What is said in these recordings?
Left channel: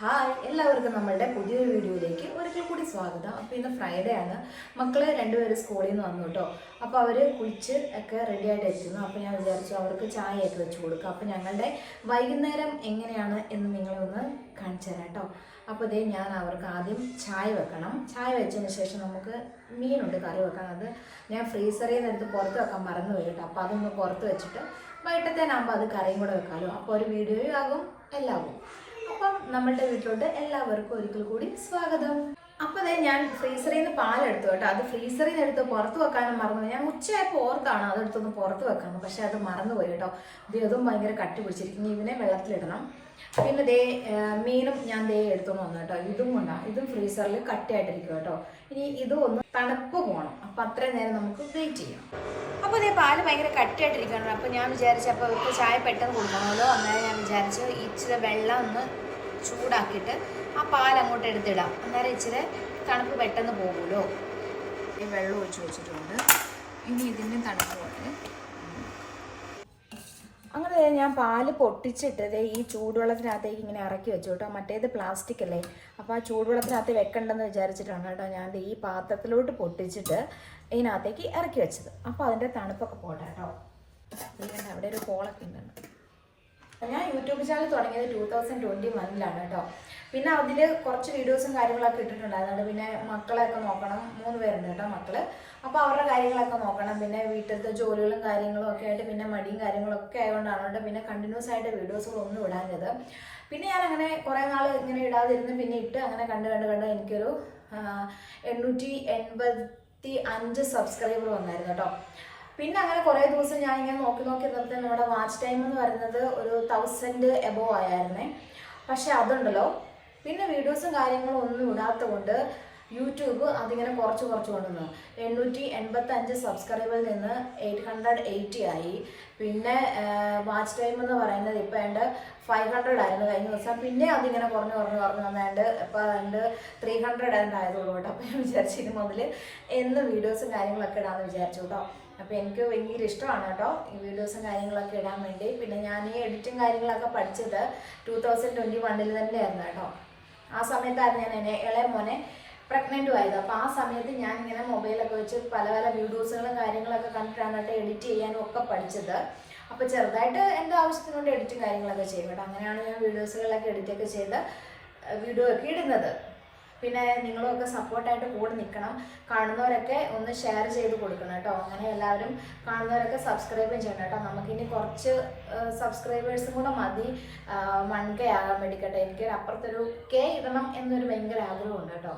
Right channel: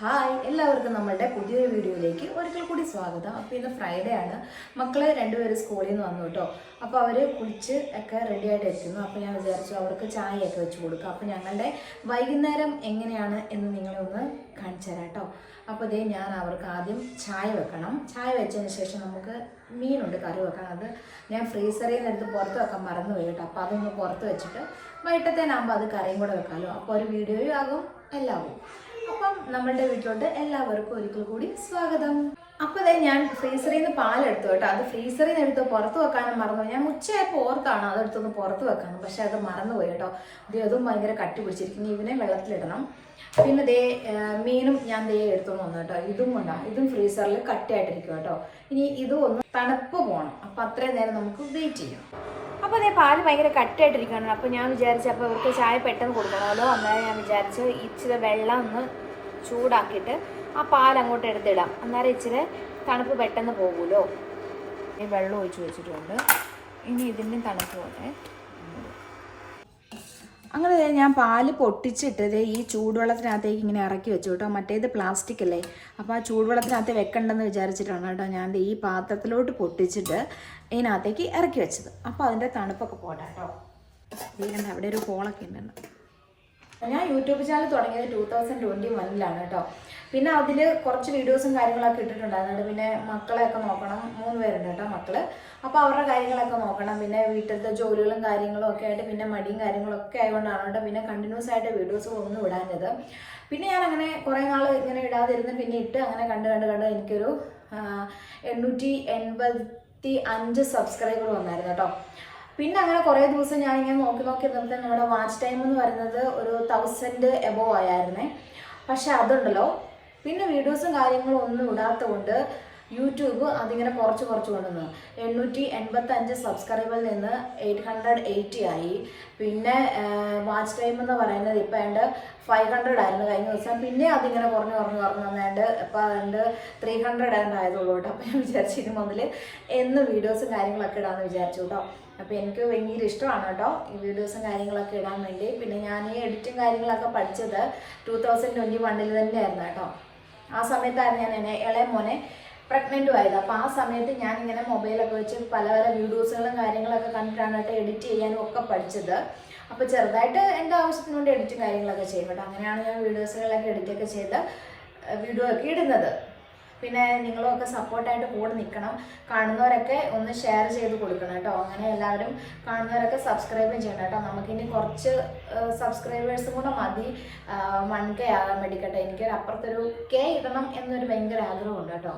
Hi എല്ലാവർക്കും നമ്മളുടെ പുതിയൊരു വീഡിയോയിലേക്ക് ഒരിക്കൽ കൂടി സ്വാഗതം. അപ്പോൾ ഇന്ന് ഫ്രൈഡേ ആണ്. മക്കളെ രണ്ടുപേരും സ്കൂളിൽ നിന്ന് വന്നു കേട്ടോ. അപ്പോൾ അവർ കുളിച്ച് ഒക്കെ റെഡി ആയിട്ട് എത്തുന്നു. അപ്പോൾ ഞാൻ വിചാരിച്ചു അവർക്ക് ചായയൊക്കെ വെച്ച് കൊടുക്കാം. അപ്പോൾ ഞങ്ങളുടെ വൈകുന്നേരം എങ്ങനെയാണ് എന്ന് നിങ്ങളെ ഒന്ന് കാണിച്ചു തരാം കേട്ടോ. അപ്പോൾ ഇതേ ഞാൻ അവർക്ക് ആദ്യം ചായ വെക്കണം. ചായ വെച്ചതിന് ശേഷം നമുക്ക് മീനുണ്ട് കറി വെക്കാൻ. അത് ഞാൻ ഫ്രീസറിൽ നിന്ന് എടുത്ത് പുറത്ത് വെക്കാൻ മറന്നുപോയി കേട്ടോ. അപ്പോൾ അതൊന്ന് പുറത്ത് വെച്ചിട്ട് വൈകിട്ടത്തേനാകുമ്പോൾ അത് കറിയും കൂടെ വെക്കാമല്ലോ. അപ്പോൾ ഒരു വീഡിയോയും ആകും എല്ലാം ആകും. അപ്പം നമ്മളുടെ വീട്ടിലോട്ട് എല്ലാവർക്കും ഒരിക്കൽ കൂടി സ്വാഗതം. അപ്പോൾ അതായത് ഞാൻ ഫ്രീസറിൽ നിന്ന് പാലെടുത്തു കേട്ടോ. അത് ഫ്രീസറിൽ നിന്ന് എടുത്ത് പുറത്ത് വെക്കാനും മറന്നുപോയി. ഞാൻ ഉച്ചയായപ്പോൾ ഓർക്കാണ് അതെടുത്തൊന്ന് പുറത്ത് വെക്കണം, പക്ഷെ അത് മറന്നുപോയി കേട്ടോ. അതും ഭയങ്കര കട്ടി പിടിച്ചിരിക്കുന്നു. ഇതിനെ വെള്ളത്തിലിടണം. പിന്നെ ദേ മീനും ഞാൻ എടുത്തുകൊണ്ട് വന്നു കേട്ടോ. ഇതും കൊണ്ടാണ്, ഇതും ഫ്രീസറിൽ കട്ടിയായിട്ടിരിക്കും കേട്ടോ. ഇനി ഇതും ഒന്ന് തണുപ്പ് പോകണം. അപ്പം അത്രയും നേരം നമുക്ക് വെയിറ്റ് ചെയ്യാം. അപ്പോൾ അതേ പാല് ഭയങ്കര കട്ടിയായിട്ടിരിക്കുകയാണ്. അപ്പോൾ ഞാൻ വിചാരിച്ചു അപ്പോൾ അവർക്ക് ചായ പെട്ടെന്ന് കൊടുക്കണമല്ലോ. അന്നേരം ഞാൻ വിചാരിച്ചു ഇച്ചിരി വെള്ളം ഒന്ന് ചൂടാക്കിയിട്ട് ആ പാൽ അങ്ങോട്ട് എടുത്തിടാം. അന്നേരം ഇച്ചിരി തണുപ്പ് പെട്ടെന്ന് പോകുമല്ലോ. ഈ വെള്ളം ഒഴിച്ച് വെച്ചിട്ടുണ്ട്. ഇനി ഇതിൻ്റെ തണുപ്പ് കൊണ്ട് അങ്ങനെ ഞാൻ പാല് പൊട്ടിച്ചിട്ട് ഈ ചൂടുവെള്ളത്തിനകത്തേക്ക് ഇങ്ങനെ ഇറക്കി വെച്ചു കേട്ടോ. മറ്റേത് പ്ലാസ്റ്റിക് അല്ലേ, അപ്പോൾ ആ ചൂടുവെള്ളത്തിനകത്ത് വെക്കണ്ടെന്ന് വിചാരിച്ചിട്ടാണ് കേട്ടോ ഞാൻ ഈ പാത്രത്തിലോട്ട് പൊട്ടിച്ചിട്ട് ഇതിനകത്തേക്ക് ഇറക്കി വെച്ചത്. അപ്പോൾ അതിൻ്റെ തണുപ്പൊക്കെ പോട്ടെ കേട്ടോ. അവിടെ ഒരു കോളൊക്കെ ഉണ്ടല്ലോ. ഞാൻ യൂട്യൂബ് ചാനൽ തുടങ്ങിയത് 2021 കേട്ടോ. പിന്നെ അതിൽ കുറച്ച് വീഡിയോസും കാര്യങ്ങളൊക്കെ ഇട്ടിട്ടുണ്ടായിരുന്നു. പിന്നെ മക്കളെയൊക്കെ നോക്കണം, 3 പേരുണ്ട് കേട്ടോ മക്കള്. അപ്പോൾ അവരുടെ കാര്യങ്ങളൊക്കെ നോക്കണം. പിന്നെ വീട്ടിലത്തെ ജോലികളും കാര്യങ്ങളും ഒക്കെ ആയിട്ട് പിന്നെ മടിയും കാര്യങ്ങളൊക്കെ ആയതുകൊണ്ടാണ് കേട്ടോ പിന്നെ കണ്ടിന്യൂസ് ആയിട്ട് വീഡിയോസുകളൊന്നും ഇടാഞ്ഞത്. പിന്നെ ഞാൻ അങ്ങനെ കുറേ നാൾ ഇങ്ങനെ ഇടാതിരുന്ന് പിന്നെ ഇട്ട് അങ്ങനെ കണ്ട് എനിക്കൊരു 885 സബ്സ്ക്രൈബർ വന്നായിരുന്നു കേട്ടോ. പിന്നെ അങ്ങനെ കുറേ ദിവസം ഞാൻ ഇങ്ങനെ നോക്കി ഇരുന്നപ്പോൾ നമ്മുടെ വാച്ച് ടൈം എന്ന് പറയുന്നത് ഒരു 1000 എബോവ് ആയിരുന്നേ. പക്ഷെ അതുണ്ടല്ലോ പിന്നെ വീഡിയോസും കാര്യങ്ങളും ഒന്നും ഇടാത്ത കൊണ്ട് യൂട്യൂബ് അതിങ്ങനെ കുറച്ച് കൊണ്ടുവന്നു. 885 സബ്സ്ക്രൈബറിൽ നിന്ന് 880 ആയി. പിന്നെ വാച്ച് ടൈം എന്ന് പറയുന്നത് ഇപ്പം എൻ്റെ 500 ആയിരുന്നു കഴിഞ്ഞ ദിവസം. പിന്നെ അതിങ്ങനെ കുറഞ്ഞ് വന്നാണ്ട് ഇപ്പം അതിൻ്റെ 300 ആയതുള്ളൂ കേട്ടോ. അപ്പോൾ ഞാൻ വിചാരിച്ചു ഇനി മുതൽ എന്ന് വീഡിയോസും കാര്യങ്ങളൊക്കെ ഇടാമെന്ന് വിചാരിച്ചു കേട്ടോ. അപ്പോൾ എനിക്ക് ഭയങ്കര ഇഷ്ടമാണ് കേട്ടോ ഈ വീഡിയോസും കാര്യങ്ങളൊക്കെ ഇടാൻ വേണ്ടി. പിന്നെ ഞാൻ ഈ എഡിറ്റും കാര്യങ്ങളൊക്കെ പഠിച്ചത് 2021 തന്നെയായിരുന്നു കേട്ടോ. ആ സമയത്തായിരുന്നു ഞാൻ ഇളയ മോനെ പ്രഗ്നൻറ്റും ആയത്. അപ്പോൾ ആ സമയത്ത് ഞാനിങ്ങനെ മൊബൈലൊക്കെ വെച്ച് പല വീഡിയോസുകളും കാര്യങ്ങളൊക്കെ കണ്ടിട്ടാണ് കേട്ടോ എഡിറ്റ് ചെയ്യാനും ഒക്കെ പഠിച്ചത്. അപ്പോൾ ചെറുതായിട്ട് എൻ്റെ ആവശ്യത്തിന് വേണ്ടി എഡിറ്റും കാര്യങ്ങളൊക്കെ ചെയ്യും കേട്ടോ. അങ്ങനെയാണ് ഞാൻ വീഡിയോസുകളൊക്കെ എഡിറ്റൊക്കെ ചെയ്ത് വീഡിയോ ഒക്കെ ഇടുന്നത്. പിന്നെ നിങ്ങളുമൊക്കെ സപ്പോർട്ടായിട്ട് കൂടെ നിൽക്കണം. കാണുന്നവരൊക്കെ ഒന്ന് ഷെയർ ചെയ്ത് കൊടുക്കണം കേട്ടോ. അങ്ങനെ എല്ലാവരും കാണുന്നവരൊക്കെ സബ്സ്ക്രൈബും ചെയ്യണം കേട്ടോ. നമുക്കിനി കുറച്ച് സബ്സ്ക്രൈബേഴ്സും കൂടെ മതി 1K ആകാൻ വേണ്ടിക്കട്ടെ. എനിക്കൊരു അപ്പുറത്തൊരു K ഇടണം എന്നൊരു ഭയങ്കര ആഗ്രഹമുണ്ട് കേട്ടോ.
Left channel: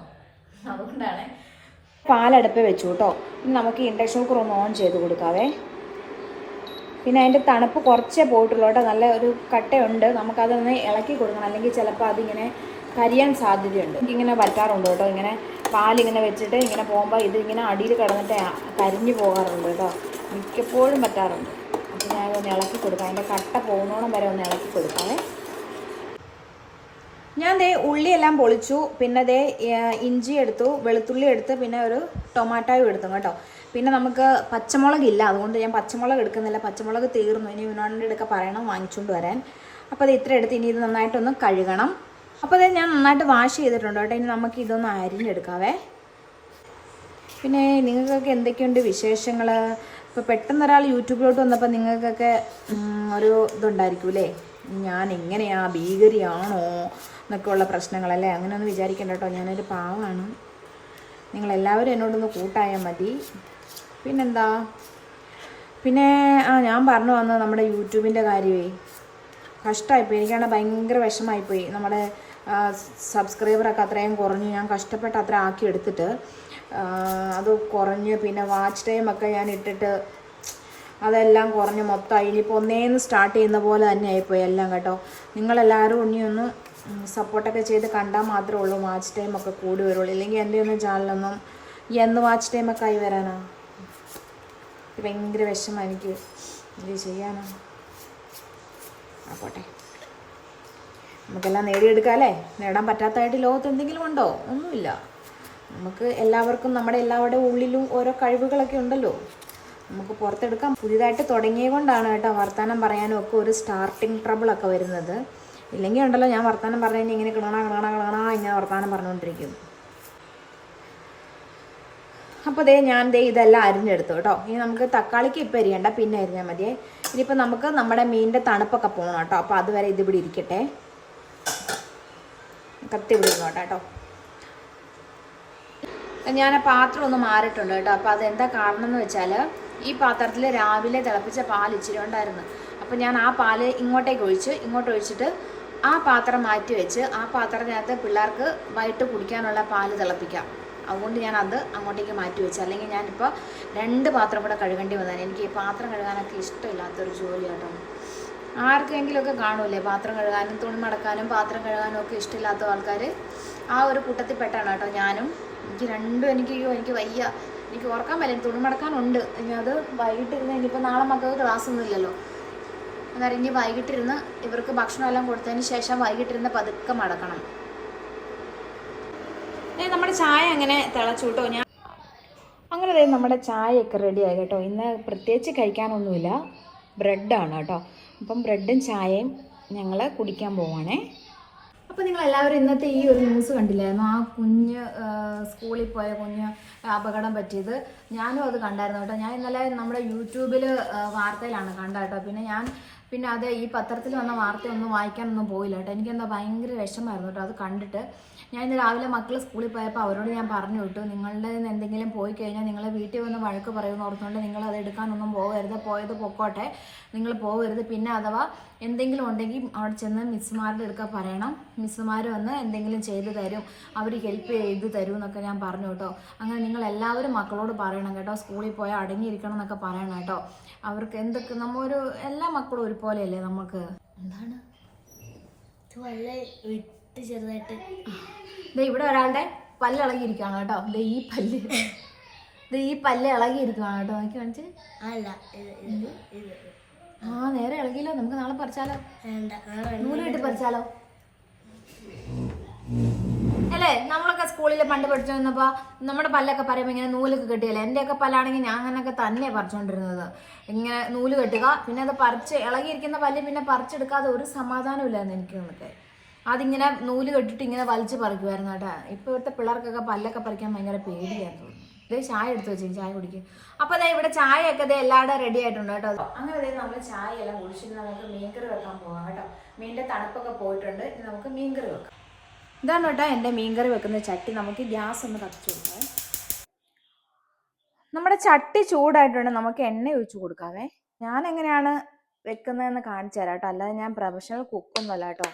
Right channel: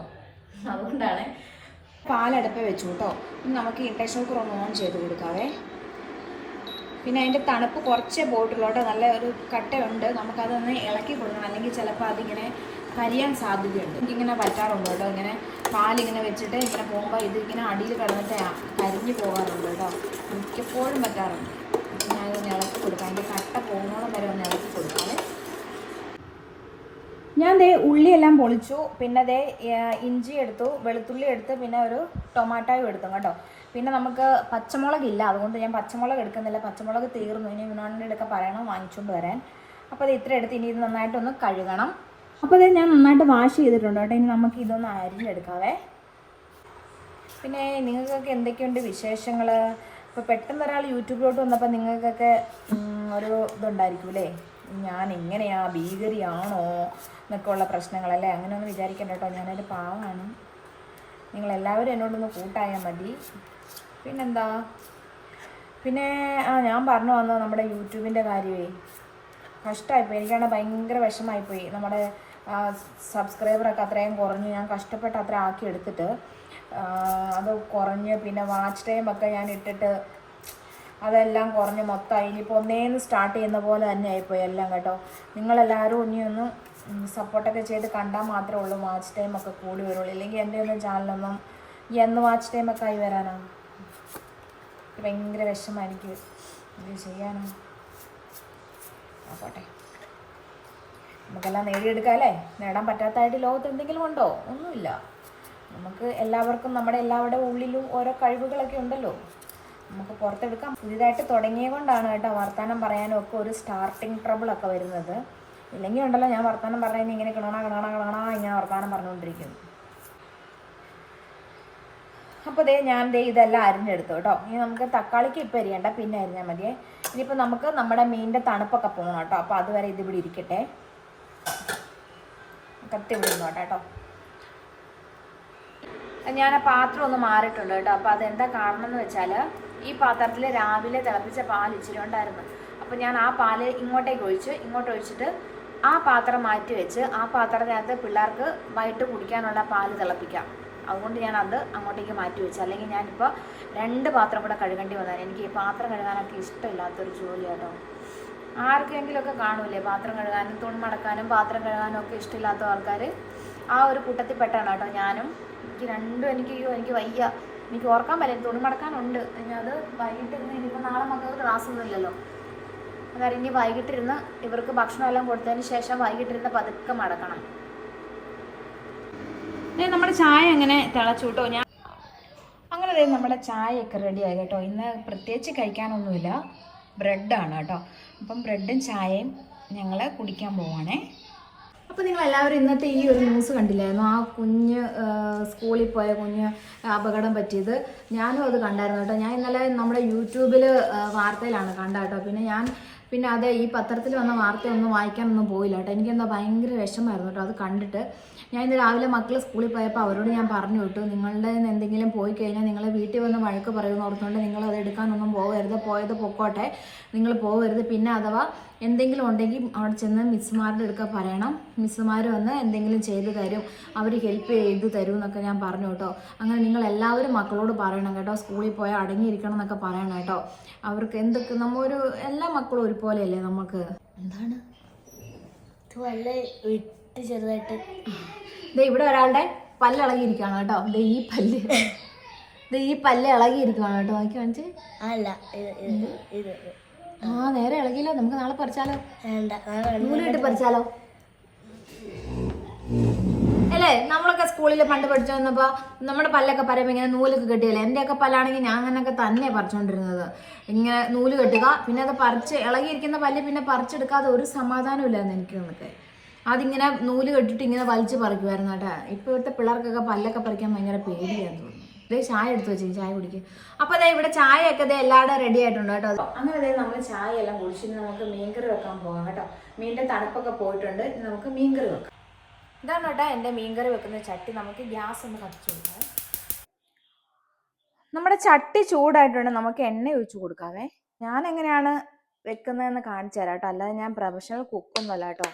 അതുകൊണ്ടാണ് പാലടുപ്പ് വെച്ചു കേട്ടോ. നമുക്ക് ഇൻഡക്ഷൻ കുക്കർ ഒന്ന് ഓൺ ചെയ്ത് കൊടുക്കാവേ. പിന്നെ അതിൻ്റെ തണുപ്പ് കുറച്ചേ പോയിട്ടുള്ളൂ കേട്ടോ. നല്ല ഒരു കട്ടയുണ്ട്. നമുക്കതൊന്ന് ഇളക്കി കൊടുക്കണം, അല്ലെങ്കിൽ ചിലപ്പോൾ അതിങ്ങനെ കരിയാൻ സാധ്യതയുണ്ട്. എനിക്കിങ്ങനെ പറ്റാറുണ്ട് കേട്ടോ. ഇങ്ങനെ പാലിങ്ങനെ വെച്ചിട്ട് ഇങ്ങനെ പോകുമ്പോൾ ഇതിങ്ങനെ അടിയിൽ കിടന്നിട്ട് കരിഞ്ഞു പോകാറുണ്ട് കേട്ടോ. മിക്കപ്പോഴും പറ്റാറുണ്ട്. അപ്പോൾ ഞാനൊന്ന് ഇളക്കി കൊടുക്കാം. അതിൻ്റെ കട്ട പോകുന്നോളം വരെ ഒന്ന് ഇളക്കി കൊടുക്കാം. ഞാൻ ഉള്ളിയെല്ലാം പൊളിച്ചു. പിന്നെ ഇഞ്ചി എടുത്തു, വെളുത്തുള്ളി എടുത്ത്, പിന്നെ ഒരു ടൊമാറ്റോയും എടുത്തു കേട്ടോ. പിന്നെ നമുക്ക് പച്ചമുളകില്ല, അതുകൊണ്ട് ഞാൻ പച്ചമുളക് എടുക്കുന്നില്ല. പച്ചമുളക് തീർന്നു. ഇനി വിനോദിൻ്റെ അടുക്ക പറയണം വാങ്ങിച്ചുകൊണ്ട് വരാൻ. അപ്പോൾ അത് ഇത്ര എടുത്ത് ഇനി ഇത് നന്നായിട്ടൊന്ന് കഴുകണം. അപ്പോൾ ഇത് ഞാൻ നന്നായിട്ട് വാഷ് ചെയ്തിട്ടുണ്ട് കേട്ടോ. ഇനി നമുക്ക് ഇതൊന്ന് അരിഞ്ഞെടുക്കാവേ. പിന്നെ നിങ്ങൾക്കൊക്കെ എന്തൊക്കെയുണ്ട് വിശേഷങ്ങൾ? ഇപ്പോൾ പെട്ടെന്ന് ഒരാൾ യൂട്യൂബിലോട്ട് വന്നപ്പോൾ നിങ്ങൾക്കൊക്കെ ഒരു ഇതുണ്ടായിരിക്കും അല്ലേ, ഞാൻ എങ്ങനെയാ ഭീകരിയാണോ എന്നൊക്കെ ഉള്ള പ്രശ്നങ്ങളല്ലേ. അങ്ങനെയൊന്നും വിചാരിക്കണ്ട കേട്ടോ. ഞാനൊരു പാവമാണ്. നിങ്ങളെല്ലാവരും എന്നോടൊന്ന് കൂട്ടായാൽ മതി. പിന്നെന്താ, പിന്നെ ഞാൻ പറഞ്ഞു വന്നത് നമ്മുടെ യൂട്യൂബിൻ്റെ കാര്യമേ കഷ്ടമായിപ്പോയി. എനിക്കാണ് ഭയങ്കര വിഷമമായിപ്പോയി. നമ്മുടെ സബ്സ്ക്രൈബറൊക്കെ അത്രയും കുറഞ്ഞു. ഞാൻ കഷ്ടപ്പെട്ട് അത്ര ആക്കി എടുത്തിട്ട് അത് കുറഞ്ഞ് പിന്നെ വാച്ച് ടൈമൊക്കെ ഞാൻ ഇട്ടിട്ട് അതെല്ലാം കുറഞ്ഞ് മൊത്തമായി. ഇനിയിപ്പോൾ ഒന്നേന്ന് സ്റ്റാർട്ട് ചെയ്യുന്ന പോലെ തന്നെ ആയിപ്പോയി എല്ലാം കേട്ടോ. നിങ്ങളെല്ലാവരും ഇനിയൊന്ന് സപ്പോർട്ടൊക്കെ ചെയ്ത് കണ്ടാൽ മാത്രമേ ഉള്ളൂ വാച്ച് ടൈമൊക്കെ കൂടി വരുള്ളൂ. ഇല്ലെങ്കിൽ എൻ്റെ ഒന്നും ചാനലൊന്നും എന്ന് വാച്ച് ടൈമൊക്കെ ആയി വരാനാ. ഭയങ്കര വിഷമം എനിക്ക്. ഇത് ചെയ്യാനാ. പോട്ടെ, നമുക്കെല്ലാം നേടിയെടുക്കാം അല്ലേ. നേടാൻ പറ്റാത്തതായിട്ട് ലോകത്ത് എന്തെങ്കിലും ഉണ്ടോ? ഒന്നുമില്ല. നമുക്ക് എല്ലാവർക്കും നമ്മുടെ എല്ലാവരുടെ ഉള്ളിലും ഓരോ കഴിവുകളൊക്കെ ഉണ്ടല്ലോ, നമുക്ക് പുറത്തെടുക്കാം. പുതിയതായിട്ട് തുടങ്ങിയത് കൊണ്ടാണ് കേട്ടോ വർത്തമാനം പറയാനും ഒക്കെ ഒരു സ്റ്റാർട്ടിങ് ട്രബിളൊക്കെ വരുന്നത്. ഇല്ലെങ്കിൽ ഉണ്ടല്ലോ ഞാൻ വർത്താനം പറഞ്ഞാൽ ഇങ്ങനെ കിണണ ഇങ്ങനെ വർത്താനം പറഞ്ഞുകൊണ്ടിരിക്കും. അപ്പോൾ ഞാൻ ഇതെല്ലാം അരിഞ്ഞെടുത്തു കേട്ടോ. ഇനി നമുക്ക് തക്കാളിക്ക് ഇപ്പം അരിയണ്ട, പിന്നെ അരിഞ്ഞാൽ മതിയേ. ഇനിയിപ്പോൾ നമുക്ക് നമ്മുടെ മീനിൻ്റെ തണുപ്പൊക്കെ പോകണം കേട്ടോ. അപ്പോൾ അതുവരെ ഇതിവിടെ ഇരിക്കട്ടെ, കത്തി വിടുന്നോട്ടെ കേട്ടോ. ഞാൻ ആ പാത്രം ഒന്ന് മാറിയിട്ടുണ്ട് കേട്ടോ. അപ്പോൾ അതെന്താ കാരണം എന്ന് വെച്ചാൽ ഈ പാത്രത്തിൽ രാവിലെ തിളപ്പിച്ച പാൽ ഇച്ചിരി ഉണ്ടായിരുന്നു. അപ്പോൾ ഞാൻ ആ പാല് ഇങ്ങോട്ടേക്ക് ഒഴിച്ചിട്ട് ആ പാത്രം മാറ്റി വെച്ച് ആ പാത്രത്തിനകത്ത് പിള്ളേർക്ക് വൈകിട്ട് കുടിക്കാനുള്ള പാല് തിളപ്പിക്കാം. അതുകൊണ്ട് ഞാൻ അത് അങ്ങോട്ടേക്ക് മാറ്റി വെച്ചു. അല്ലെങ്കിൽ ഞാനിപ്പോൾ 2 പാത്രം കൂടെ കഴുകേണ്ടി വന്നാൽ. എനിക്ക് ഈ പാത്രം കഴുകാനൊക്കെ ഇഷ്ടമില്ലാത്തൊരു ജോലി കേട്ടോ. ആർക്കെങ്കിലുമൊക്കെ കാണൂലേ പാത്രം കഴുകാനും തുണി മടക്കാനും പാത്രം കഴുകാനും ഒക്കെ ഇഷ്ടമില്ലാത്ത ആൾക്കാർ. ആ ഒരു കൂട്ടത്തിൽ പെട്ടാണ് കേട്ടോ ഞാനും. എനിക്ക് രണ്ടും എനിക്ക് വയ്യ. എനിക്ക് ഓർക്കാൻ പറ്റില്ല. തുണി മടക്കാനുണ്ട്, ഇനി അത് വൈകിട്ടിരുന്ന്. ഇനിയിപ്പോൾ നാളെ മക്കൾക്ക് ക്ലാസ്സൊന്നും ഇല്ലല്ലോ. അന്നേരം ഇനി വൈകിട്ടിരുന്ന് ഇവർക്ക് ഭക്ഷണമെല്ലാം കൊടുത്തതിന് ശേഷം വൈകിട്ടിരുന്ന് പതുക്കെ മടക്കണം. നമ്മുടെ ചായ അങ്ങനെ തിളച്ചു കേട്ടോ. അങ്ങനെ നമ്മുടെ ചായയൊക്കെ റെഡിയായി കേട്ടോ. ഇന്ന് പ്രത്യേകിച്ച് കഴിക്കാനൊന്നുമില്ല, ബ്രെഡാണ് കേട്ടോ. അപ്പം ബ്രെഡും ചായയും ഞങ്ങൾ കുടിക്കാൻ പോവാണേ. അപ്പോൾ നിങ്ങളെല്ലാവരും ഇന്നത്തെ ഈ ഒരു ന്യൂസ് കണ്ടില്ലായിരുന്നു? ആ കുഞ്ഞ് സ്കൂളിൽ പോയ കുഞ്ഞ് അപകടം പറ്റിയത്. ഞാനും അത് കണ്ടായിരുന്നു കേട്ടോ. ഞാൻ ഇന്നലെ നമ്മുടെ യൂട്യൂബിൽ വാർത്തയിലാണ് കണ്ട കേട്ടോ. പിന്നെ അത് ഈ പത്രത്തിൽ വന്ന വാർത്തയൊന്നും വായിക്കാനൊന്നും പോയില്ല കേട്ടോ. എനിക്കെന്താ ഭയങ്കര വിഷമമായിരുന്നു കേട്ടോ അത് കണ്ടിട്ട്. ഞാൻ ഇന്ന് രാവിലെ മക്കൾ സ്കൂളിൽ പോയപ്പോൾ അവരോട് ഞാൻ പറഞ്ഞു വിട്ടു, നിങ്ങളുടെ എന്തെങ്കിലും പോയി കഴിഞ്ഞാൽ നിങ്ങൾ വീട്ടിൽ വന്ന് വഴക്ക് പറയുമെന്ന് ഓർത്തുകൊണ്ട് നിങ്ങൾ അത് എടുക്കാനൊന്നും പോകരുത്, പോയത് പൊക്കോട്ടെ, നിങ്ങൾ പോകരുത്. പിന്നെ അഥവാ എന്തെങ്കിലും ഉണ്ടെങ്കിൽ അവിടെ ചെന്ന് മിസ്സുമാരുടെ അടുക്ക പറയണം, മിസ്സുമാർ വന്ന് എന്തെങ്കിലും ചെയ്തു തരും, അവർ ഹെൽപ്പ് ചെയ്ത് തരും എന്നൊക്കെ ഞാൻ പറഞ്ഞു കേട്ടോ. അങ്ങനെ നിങ്ങൾ എല്ലാവരും മക്കളോട് പറയണം കേട്ടോ, സ്കൂളിൽ പോയാൽ അടങ്ങിയിരിക്കണം എന്നൊക്കെ പറയണം കേട്ടോ. അവർക്ക് എന്തൊക്കെ എല്ലാ മക്കളും ഒരുപോലെയല്ലേ നമുക്ക്. എന്താണ് ചെറുതായിട്ട് ഇവിടെ ഒരാളുടെ പല്ല് ഇളകിയിരിക്കുകയാണ് കേട്ടോ. ഈ പല്ല് ഇളകിയിരിക്കുകയാണ് കേട്ടോ. നോക്കി കാണിച്ച്. നേരെ ഇളകിയല്ലോ. നമുക്ക് നാളെ പറിച്ചാലോ? നൂല് കെട്ടി പറിച്ചാലോ? അല്ലേ? നമ്മളൊക്കെ സ്കൂളിൽ പണ്ട് പഠിച്ചു വന്നപ്പോൾ നമ്മുടെ പല്ലൊക്കെ പറയുമ്പോൾ ഇങ്ങനെ നൂലൊക്കെ കെട്ടിയല്ലേ. എൻ്റെയൊക്കെ പല്ലാണെങ്കിൽ ഞാൻ അങ്ങനെയൊക്കെ തന്നെ പറിച്ചുകൊണ്ടിരുന്നത്. ഇങ്ങനെ നൂല് കെട്ടുക, പിന്നെ അത് ഇളകിയിരിക്കുന്ന പല്ല് പിന്നെ പറിച്ചെടുക്കാതെ ഒരു സമാധാനം ഇല്ലായിരുന്നു എനിക്ക്. നമുക്ക് അതിങ്ങനെ നൂല് കെട്ടിട്ട് ഇങ്ങനെ വലിച്ച് പറിക്കുമായിരുന്നു കേട്ടോ. ഇപ്പോഴത്തെ പിള്ളേർക്കൊക്കെ പല്ലൊക്കെ പറിക്കാൻ ഭയങ്കര പേടിയാന്ന് തോന്നുന്നു. ചായ എടുത്ത് വെച്ചു, ചായ കുടിക്കും. അപ്പോൾ ഇവിടെ ചായയൊക്കെ എല്ലാവരും റെഡി ആയിട്ടുണ്ട് കേട്ടോ. അങ്ങനെ നമ്മൾ ചായ എല്ലാം കുടിച്ചിട്ട് നമുക്ക് മീൻകറി വെക്കാൻ പോകാം കേട്ടോ. മീനിൻ്റെ തണുപ്പൊക്കെ പോയിട്ടുണ്ട്. ഇനി നമുക്ക് മീൻകറി വെക്കാം. ഇതാണ് കേട്ടോ എൻ്റെ മീൻകറി വെക്കുന്ന ചട്ടി. നമുക്ക് ഗ്യാസ് ഒന്ന് കത്തിച്ചു കൊടുക്കാം. നമ്മുടെ ചട്ടി ചൂടായിട്ടുണ്ട്. നമുക്ക് എണ്ണ ഒഴിച്ചു കൊടുക്കാവേ. ഞാൻ എങ്ങനെയാണ് വെക്കുന്നതെന്ന് കാണിച്ചു തരാം കേട്ടോ. അല്ലാതെ ഞാൻ പ്രൊഫഷണൽ കുക്കൊന്നുമല്ല കേട്ടോ.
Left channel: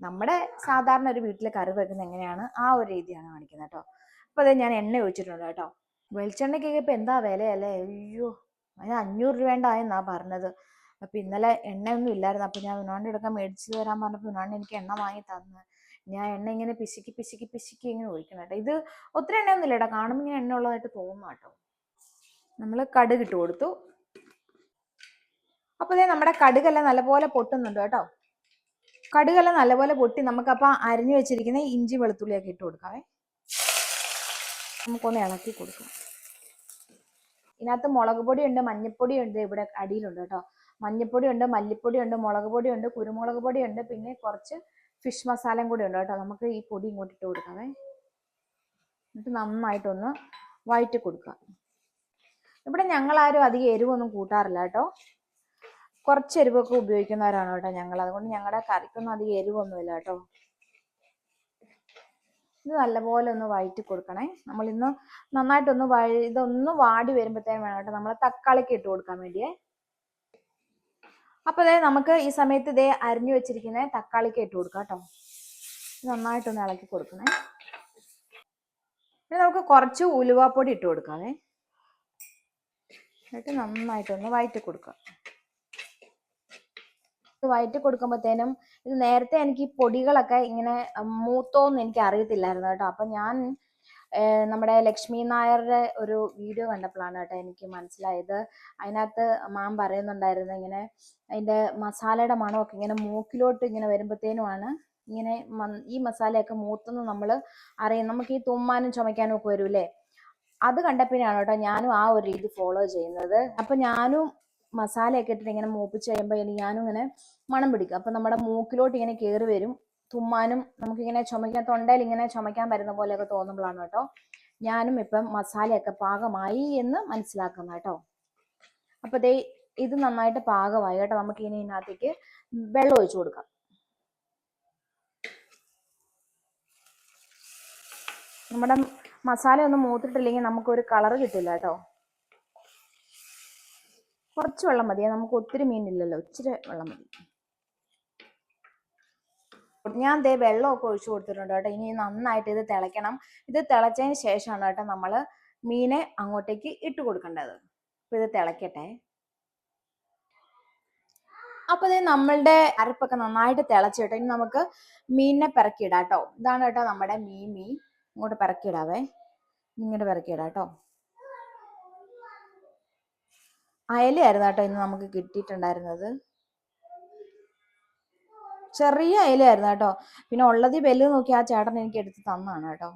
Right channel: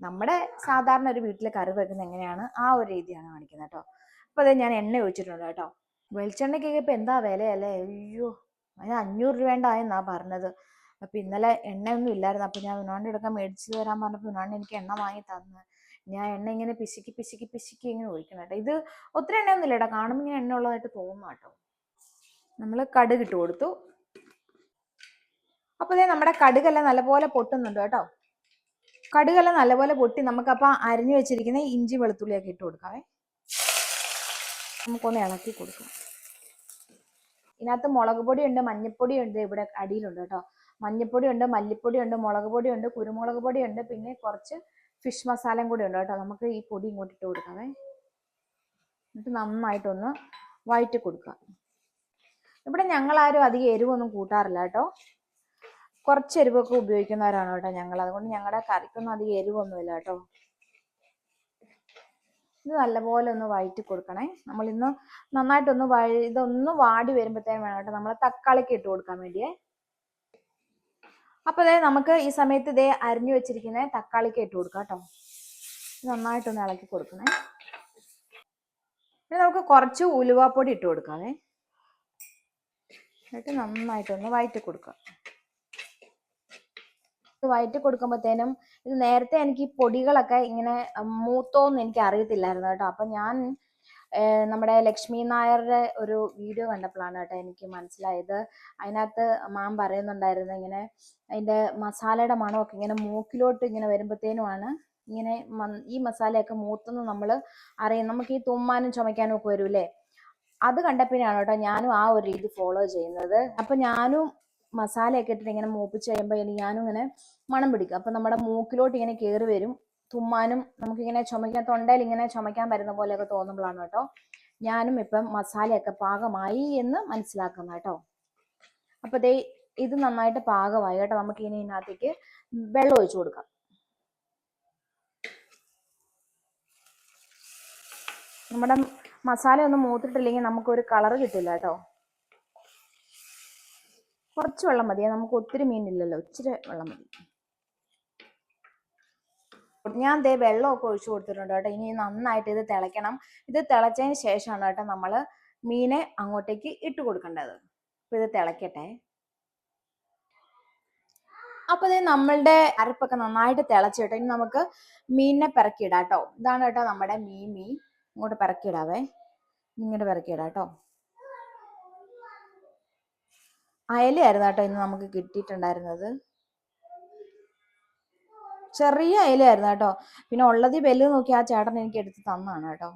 നമ്മുടെ സാധാരണ ഒരു വീട്ടിൽ കറി വെക്കുന്നത് എങ്ങനെയാണ് ആ ഒരു രീതിയാണ് കാണിക്കുന്നത് കേട്ടോ. അപ്പോൾ ഞാൻ എണ്ണ ഒഴിച്ചിട്ടുണ്ട് കേട്ടോ. വെളിച്ചെണ്ണയ്ക്കൊക്കെ ഇപ്പം എന്താ വിലയല്ലേ? അയ്യോ, അതിന് 500 രൂപേണ്ടായെന്നാണ് പറഞ്ഞത്. അപ്പം ഇന്നലെ എണ്ണയൊന്നും ഇല്ലായിരുന്നു. അപ്പം ഞാൻ ഉണ്ണാണ്ട് എടുക്കാൻ മേടിച്ച് തരാൻ പറഞ്ഞപ്പോൾ ഉണ്ണാണ്ട് എനിക്ക് എണ്ണ വാങ്ങി തന്ന്. ഞാൻ എണ്ണ ഇങ്ങനെ പിശുക്കി ഇങ്ങനെ ഒഴിക്കണം കേട്ടോ. ഇത് ഒത്തിരി എണ്ണയൊന്നും ഇല്ല കേട്ടോ. കാണുമ്പോൾ ഇങ്ങനെ എണ്ണ ഉള്ളതായിട്ട് തോന്നുന്നു കേട്ടോ. നമ്മൾ കടുക് ഇട്ട് കൊടുത്തു. അപ്പോൾ നമ്മുടെ കടുകെല്ലാം നല്ലപോലെ പൊട്ടുന്നുണ്ട് കേട്ടോ. കടുകെല്ലാം നല്ലപോലെ പൊട്ടി നമുക്കപ്പോൾ അരിഞ്ഞു വെച്ചിരിക്കുന്ന ഇഞ്ചി വെളുത്തുള്ളിയൊക്കെ ഇട്ട് കൊടുക്കാവേ. നമുക്കൊന്ന് ഇളക്കി കൊടുക്കാം. ഇതിനകത്ത് മുളക് പൊടിയുണ്ട്, മഞ്ഞൾപ്പൊടിയുണ്ട്, ഇവിടെ അടിയിലുണ്ട് കേട്ടോ. മഞ്ഞൾപ്പൊടിയുണ്ട്, മല്ലിപ്പൊടിയുണ്ട്, മുളക് പൊടിയുണ്ട്, കുരുമുളക് പൊടിയുണ്ട്, പിന്നെ കുറച്ച് ഫിഷ് മസാലയും കൂടി ഉണ്ട് കേട്ടോ. നമുക്ക് ഈ പൊടി ഇങ്ങോട്ട് ഇട്ട് കൊടുക്കാവേ. എന്നിട്ട് നന്നായിട്ടൊന്ന് വഴറ്റി കൊടുക്കാം. ഇവിടെ ഞങ്ങളാരും അധികം എരിവൊന്നും കൂട്ടാറില്ല കേട്ടോ. കുറച്ച് എരിവൊക്കെ ഉപയോഗിക്കുന്നവരാണ് കേട്ടോ ഞങ്ങൾ. അതുകൊണ്ട് ഞങ്ങളുടെ കറിക്കൊന്നും അധികം എരിവൊന്നുമില്ല കേട്ടോ. ഇത് നല്ലപോലെ ഒന്ന് വഴറ്റി കൊടുക്കണേ. നമ്മളിന്ന് നന്നായിട്ടൊന്ന് ഇതൊന്ന് വാടി വരുമ്പോഴത്തേനും വേണം കേട്ടോ നമ്മൾ തക്കാളിക്ക് ഇട്ട് കൊടുക്കാൻ വേണ്ടിയേ. അപ്പോൾ നമുക്ക് ഈ സമയത്ത് അരിഞ്ഞു വെച്ചിരിക്കുന്ന തക്കാളിക്ക് ഇട്ട് കൊടുക്കാം കേട്ടോ. നന്നായിട്ടൊന്ന് ഇളക്കി കൊടുക്കണേ. പിന്നെ നമുക്ക് കുറച്ച് ഉലുവാപ്പൊടി ഇട്ട് കൊടുക്കാവേ. എന്നിട്ട് നന്നായിട്ടൊന്ന് വഴറ്റി കൊടുക്കാം. വഴറ്റി കൊടുക്കുമ്പോഴത്തേനും ഇത് നേരത്തെ എനിക്ക് ഈ പൊടികളൊക്കെ ഇങ്ങനെ മൂത്തോന്ന് എനിക്ക് അറിയത്തില്ലായിരുന്നു കേട്ടോ. അപ്പം ഞാൻ നമ്മുടെ ലക്ഷ്മി നായരുടെ ഒരു വീഡിയോ കണ്ടപ്പോഴാണ് കേട്ടോ എനിക്ക് മനസ്സിലായത്. അതിനകത്ത് മാം പറയുന്നുണ്ടായിരുന്നു ഇങ്ങനെ അതിൻ്റെ മസാലയുടെ മണമൊക്കെ ഇങ്ങനെ മൂക്കിലോട്ട് ഇങ്ങനെ വരുമ്പോഴത്തേനുമാണ് ഇങ്ങനെ ഈ മസാലയൊക്കെ മൂത്തെന്ന് നമ്മൾ അറിയാം. നമുക്ക് ഈ തുമ്മാനും ചുമയ്ക്കാനും ഒക്കെ വരൂലേ, അത് കണ്ടപ്പോഴാണ് കേട്ടോ ഞാനും ആ ഒരു രീതി ഫോളോ ചെയ്യുന്നത്. അപ്പം ഞാനും മസാലയൊക്കെ ഇട്ടിട്ട് ഇങ്ങനെ മൂപ്പിച്ച് കഴിയുമ്പോൾ ഞാനും ഇങ്ങനെ മണം പിടിക്കും. അപ്പം നമ്മുടെ മൂക്കിലോട്ട് ഇങ്ങനെ കയറി വരും. തുമ്മാനും നമുക്കിങ്ങനെ ചുമയ്ക്കാൻ, തൊണ്ടയിൽ ഇങ്ങനെ ചുമയ്ക്കാൻ വരുന്ന പോലെയൊക്കെ തോന്നുമ്പോഴാണ് കേട്ടോ ഞാനും ഇപ്പം മസാലയൊക്കെ പാകമായി എന്ന് മനസ്സിലാക്കുന്ന കേട്ടോ. അപ്പോൾ ദേ ഇത് നന്നായിട്ട് പാകമായി കേട്ടോ. നമുക്ക് ഇനി ഇതിനകത്തേക്ക് വെള്ളം ഒഴിച്ചു കൊടുക്കാം. നമ്മുടെ മസാല ഒന്നും മൂത്തിട്ടില്ലെങ്കിൽ നമുക്കൊരു കളറ് കിട്ടില്ല കേട്ടോ. കുറച്ച് വെള്ളം മതിയെ, നമുക്ക് ഒത്തിരി മീനില്ലല്ലോ, ഇച്ചിരി വെള്ളം മതി. ഞാൻ ദേ വെള്ളമൊക്കെ ഒഴിച്ചു കൊടുത്തിട്ടുണ്ട് കേട്ടോ. ഇനി നന്നായിട്ട് ഇത് തിളയ്ക്കണം. ഇത് തിളച്ചതിന് ശേഷമാണ് കേട്ടോ നമ്മൾ മീനെ അങ്ങോട്ടേക്ക് ഇട്ട് കൊടുക്കേണ്ടത്. അപ്പോൾ ഇത് തിളയ്ക്കട്ടെ. അപ്പോൾ ഇത് നമ്മളുടെ അരപ്പൊക്കെ നന്നായിട്ട് തിളച്ചിട്ട് ഇനി നമുക്ക് മീനിനെ പിറക്കിയിടാം കേട്ടോ. ഇതാണ് കേട്ടോ നമ്മുടെ മീൻ. ഇങ്ങോട്ട് പിറക്കിയിടാവേ, ഇങ്ങോട്ട് പിറക്കിയിടാം കേട്ടോ. അയലയായിരുന്നു കേട്ടോ ഇന്ന് നമുക്ക് കിട്ടിയിട്ടുണ്ടായിരുന്നത്. ചെറിയ അയലയായിരുന്നു കേട്ടോ. പിന്നെ ഉള്ളത് വലുത് നോക്കി ആ ചേട്ടൻ എനിക്ക് എടുത്ത് തന്നാണ് കേട്ടോ.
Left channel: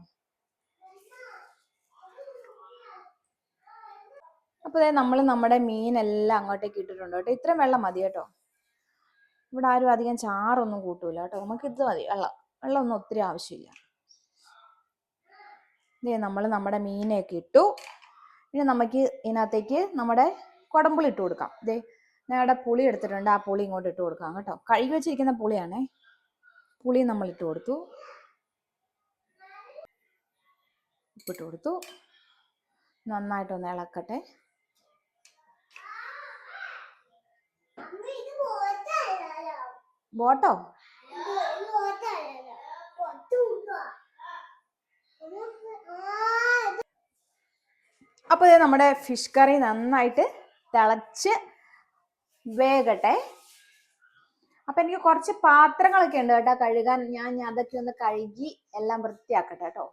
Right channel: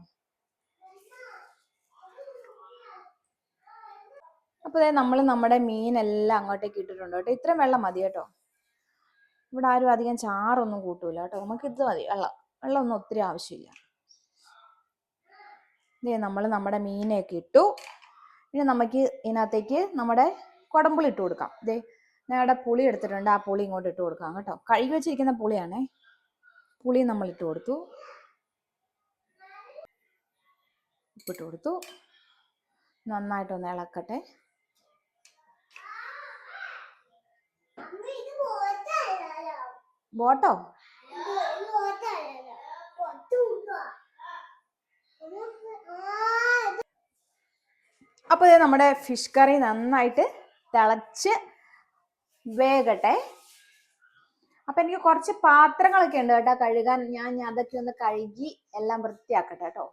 അപ്പോൾ നമ്മൾ നമ്മുടെ മീനെല്ലാം അങ്ങോട്ടേക്ക് ഇട്ടിട്ടുണ്ട് കേട്ടോ. ഇത്രയും വെള്ളം മതി കേട്ടോ. ഇവിടെ ആരും അധികം ചാറൊന്നും കൂട്ടൂല കേട്ടോ. നമുക്ക് ഇത് മതി, വെള്ളമൊന്നും ഒത്തിരി ആവശ്യമില്ല. ഇതേ നമ്മൾ നമ്മുടെ മീനെയൊക്കെ ഇട്ടു. ഇനി നമുക്ക് ഇതിനകത്തേക്ക് നമ്മുടെ കുടംപുളി ഇട്ട് കൊടുക്കാം. ഇതേ ഞങ്ങളുടെ പുളി എടുത്തിട്ടുണ്ട്, ആ പുളി ഇങ്ങോട്ട് ഇട്ട് കൊടുക്കാം കേട്ടോ. കഴുകി വെച്ചിരിക്കുന്ന പുളിയാണേ. പുളി നമ്മൾ ഇട്ട് കൊടുത്തു, ഉപ്പിട്ട് കൊടുത്തു. നന്നായിട്ടൊന്ന് ഇളക്കട്ടെ. ബോട്ടോ അപ്പോൾ ഇത് നമ്മുടെ ഫിഷ് കറി നന്നായിട്ട് തിളച്ച് വേകട്ടെ. അപ്പം എനിക്ക് കുറച്ച് പാത്രങ്ങളൊക്കെ ഉണ്ട് കേട്ടോ കഴുകാൻ. ഞാൻ അതൊക്കെ ഒന്ന് കഴുകി എല്ലാം വൃത്തിയാക്കട്ടെ കേട്ടോ.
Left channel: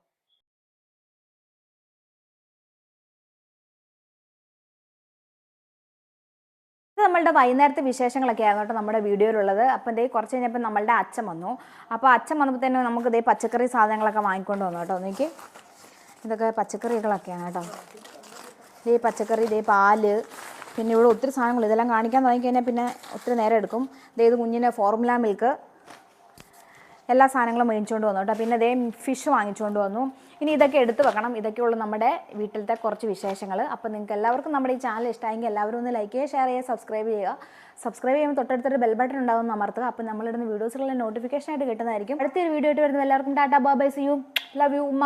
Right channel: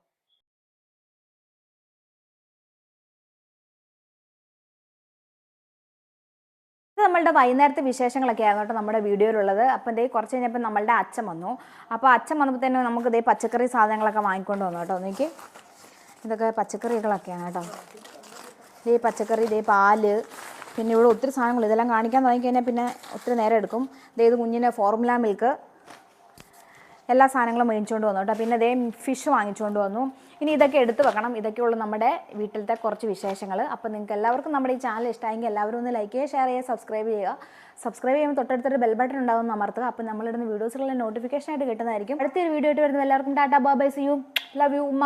നമ്മളുടെ വൈകുന്നേരത്തെ വിശേഷങ്ങളൊക്കെ ആയിരുന്നു കേട്ടോ നമ്മുടെ വീഡിയോയിലുള്ളത്. അപ്പം ഇതേ കുറച്ച് കഴിഞ്ഞപ്പോൾ നമ്മളുടെ അച്ഛൻ വന്നു. അപ്പോൾ അച്ഛൻ വന്നപ്പോൾ തന്നെ നമുക്ക് ഇതേ പച്ചക്കറി സാധനങ്ങളൊക്കെ വാങ്ങിക്കൊണ്ട് വന്നു കേട്ടോ. എനിക്ക് ഇതൊക്കെ പച്ചക്കറികളൊക്കെയാണ് കേട്ടോ. ഇതേ പച്ചക്കറി, ഇതേ പാല്, പിന്നെ ഇവിടെ ഒത്തിരി സാധനങ്ങൾ. ഇതെല്ലാം കാണിക്കാൻ തുടങ്ങിക്കഴിഞ്ഞാൽ പിന്നെ ഒത്തിരി നേരം എടുക്കും. ഇത് കുഞ്ഞിന് ഫോർമുല മിൽക്ക്, എല്ലാ സാധനങ്ങളും മേടിച്ചുകൊണ്ട് വന്നു കേട്ടോ. പിന്നെ ഇതേ ഫിഷ് വാങ്ങിച്ചുകൊണ്ട് വന്നു. ഇനി ഇതൊക്കെ എടുത്ത് വെക്കണം. ഇതൊക്കെയുള്ള നമ്മുടെ വീട്ടിലത്തെ കുറച്ച് വിശേഷങ്ങൾ. അപ്പോൾ നിങ്ങൾക്ക് എല്ലാവർക്കും നമ്മുടെ ഈ ചാനൽ ഇഷ്ടമായെങ്കിൽ എല്ലാവരും ഒന്ന് ലൈക്ക് ചെയ്യുക, ഷെയർ ചെയ്യുക, സബ്സ്ക്രൈബ് ചെയ്യുക. സബ്സ്ക്രൈബ് ചെയ്യുമ്പോൾ തൊട്ടടുത്തൊരു ബെൽ ബട്ടൺ ഉണ്ടാകുമെന്ന് അമർത്തുക. അപ്പോൾ നമ്മളിടുന്ന വീഡിയോസുകളുടെ നോട്ടിഫിക്കേഷൻ ആയിട്ട് കിട്ടുന്നതായിരിക്കും. അടുത്തൊരു വീഡിയോ ആയിട്ട് വരുന്നത് എല്ലാവർക്കും tata bye bye, see you, love you, ഉമ്മ.